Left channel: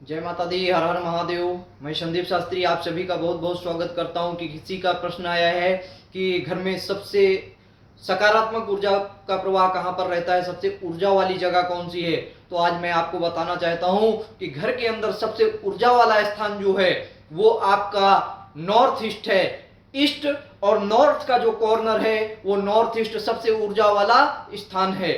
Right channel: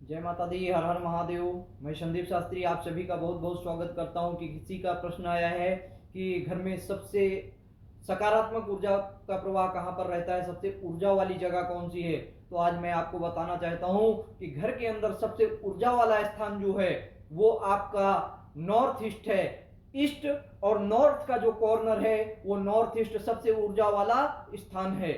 जय माता दी, हर हर महादेव। मैं संदीप शास्त्री आप सभी का बहुत बहुत स्वागत करता हूं कि किसी का प्रश्न आया है कि घर में सबसे सकारात्मक ऊर्जा का प्रवाह कहां पर रहता है, सबसे ऊर्जा वाली जगह कौन सी है। तो आज मैं आपको बताना चाहता हूं कि घर के अंदर सबसे ऊर्जा वाला स्थान जो है वो आपका नॉर्थ ईस्ट है। ईस्ट और नॉर्थ का जो कॉर्नर है वो नॉर्थ ईस्ट सबसे ऊर्जा वाला स्थान है,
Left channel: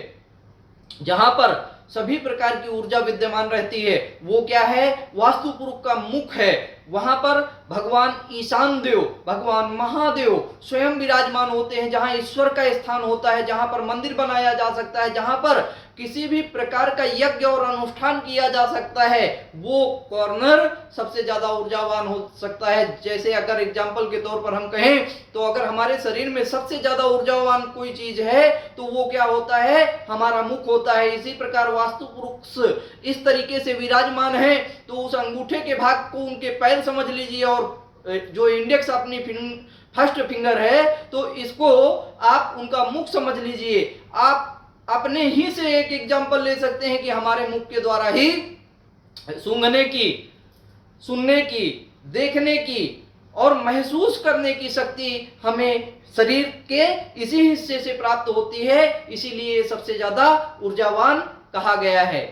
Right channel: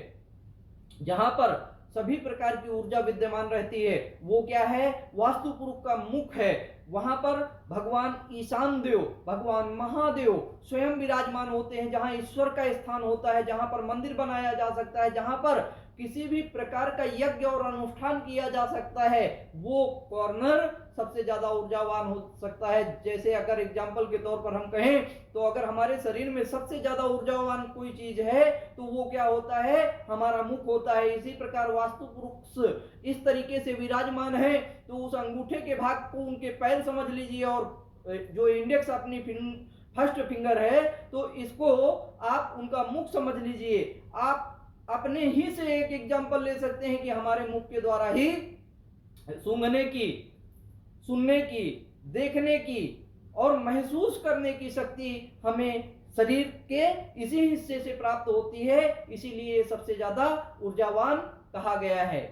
जहां पर सभी प्रकार की ऊर्जा विद्यमान रहती है। वो क्या है? वास्तु पुरुष का मुख है। वहां पर भगवान ईशान देव, भगवान महादेव स्वयं विराजमान होते हैं, जहां ईश्वर का स्थान होता है, जहां पर मंदिर बनाया जा सकता है, जहां पर किसी भी प्रकार का यज्ञ और अनुष्ठान किया जा सकता है। वो कॉर्नर सबसे ज्यादा ऊर्जावान हो सकता है। जैसे अगर एग्जाम्पल के तौर पर हम कहें तो अगर हमारे शरीर में सबसे ज्यादा ऊर्जावान कोई चीज है तो वो क्या होता है? हमारा मुख होता है। इसी प्रकार वास्तु पुरुष इस तरीके से विराजमान है तो उस अंगूठे के भाग को उनके पैर समझ लीजिए, और जो इंडेक्स अपनी फर्स्ट फिंगर है तो इसको आप उनका मुख समझ लीजिए। आप अपने ही से एक एग्जांपल ले सकते हैं कि हमारे मुख के द्वारा ही सूंघने की, सुनने की, देखने की और महसूस करने की शक्ति हमें शरीर के इसी हिस्से से प्राप्त होती है। इसीलिए सबसे ज्यादा ऊर्जावान कहा गया है।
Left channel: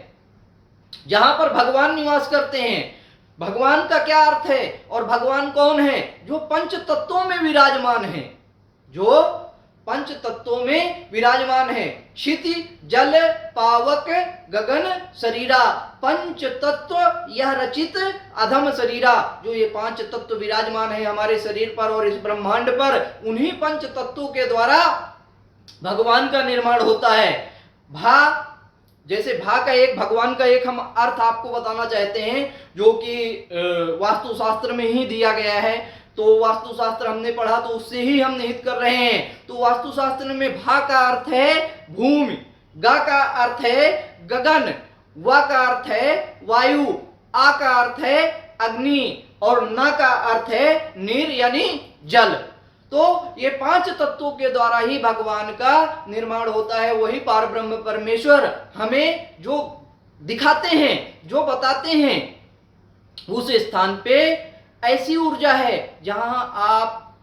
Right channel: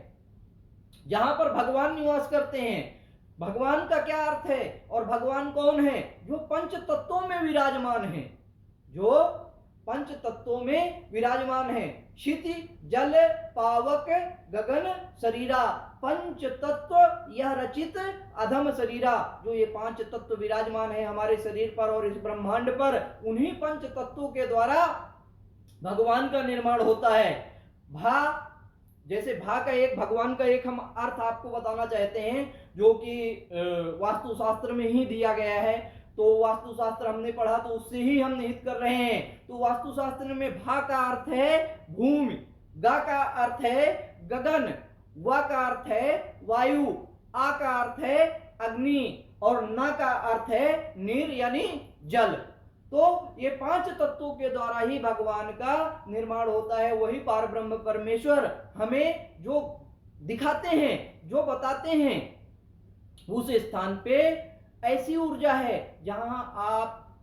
जहां पर भगवान निवास करते हैं, भगवान का क्या अर्थ है और भगवान कौन है? जो पंच तत्वों में विराजमान है, जो पंच तत्वों में विराजमान है। क्षिति, जल, पावक, गगन, शरीरा, पंच तत्व यह रचित अधम शरीरा। जो ये पांच तत्व विराजमान है हमारे शरीर पर और इस ब्रह्मांड पर, उन्हीं पंच तत्वों के द्वारा भगवान का निर्माण होता है। भा, जैसे भा का एक, भगवान का एक हम अर्थ आपको बताना चाहते हैं जो कि वास्तुशास्त्र में ही दिया गया है। तो वास्तुशास्त्र हमने पढ़ा तो उससे ही हम निहित कर रहे हैं। तो वास्तुशास्त्र में भा का अर्थ है भूमि, गा का अर्थ है गगन, वा का अर्थ है वायु, आ का अर्थ है अग्नि और ना का अर्थ है नीर यानी जल। तो ये पांच तत्वों के द्वारा ही भगवान का निर्माण होता है। वही पारब्रह्म परमेश्वर हमें जो दिखाते हैं, जो बताते हैं, उस स्थान पे ऐसी ऊर्जा है जहां आप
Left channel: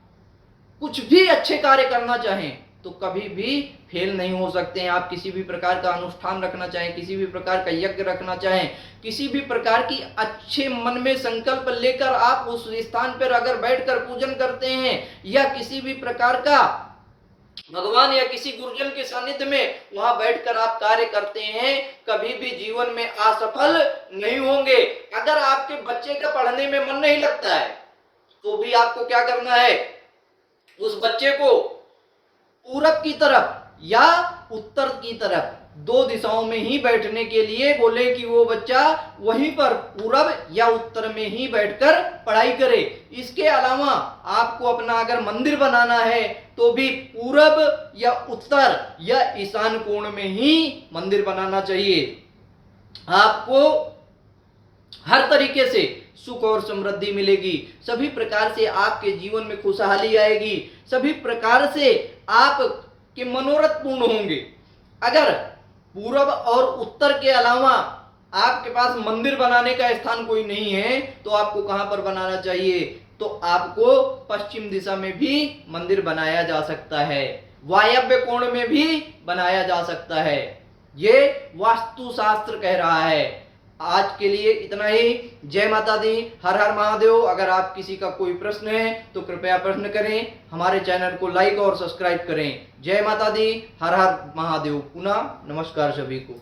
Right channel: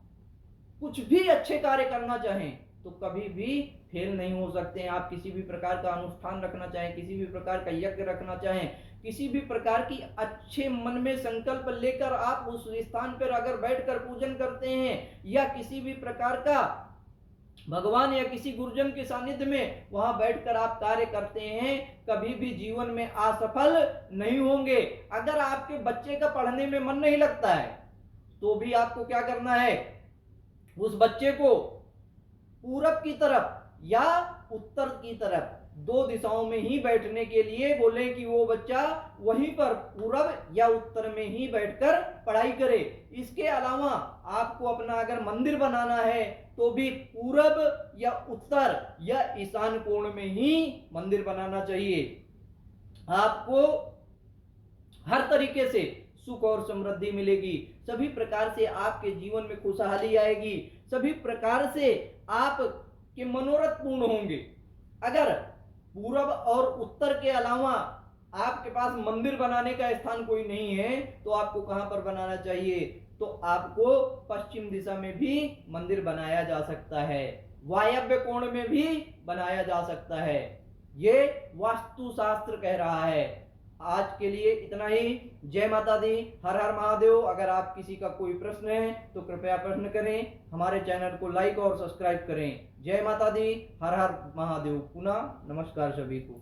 कुछ भी अच्छे कार्य करना चाहें तो कभी भी फेल नहीं हो सकते हैं। आप किसी भी प्रकार का अनुष्ठान रखना चाहें, किसी भी प्रकार का यज्ञ रखना चाहें, किसी भी प्रकार की अच्छे मन में संकल्प लेकर आप उस स्थान पर अगर बैठकर पूजन करते हैं या किसी भी प्रकार का भगवान या किसी गुरुजन के सानिध्य में वहां बैठकर आप कार्य करते हैं, कभी भी जीवन में असफल नहीं होंगे। अगर आपके बच्चे का पढ़ने में मन नहीं लगता है तो भी आपको क्या करना है? उस बच्चे को पूरब की तरफ या उत्तर की तरफ, दो दिशाओं में ही बैठने के लिए बोले कि वो बच्चा वहीं पर पूरब या उत्तर में ही बैठकर पढ़ाई करे। इसके अलावा आपको अपना अगर मंदिर बनाना है तो भी पूरब या उत्तर या ईशान कोण में ही मंदिर बनाना चाहिए। आपको हर तरीके से सुख और समृद्धि मिलेगी, सभी प्रकार से आपके जीवन में खुशहाली आएगी, सभी प्रकार से आपके मनोरथ पूर्ण होंगे। अगर पूरब और उत्तर के अलावा आपके पास मंदिर बनाने का स्थान कोई नहीं है तो आपको कहां पर बनाना चाहिए? तो आपको पश्चिम दिशा में भी मंदिर बनाया जा सकता है, वायव्य कोण में भी बनाया जा सकता है। ये वास्तुशास्त्र कह रहा है। आज के लिए इतना ही। जय माता दी, हर हर महादेव। अगर आप किसी का कोई प्रश्न है तो कृपया प्रश्न करें, हमारे चैनल को लाइक और सब्सक्राइब करें। जय माता दी, हर हर महादेव। पुनः नमस्कार सभी को।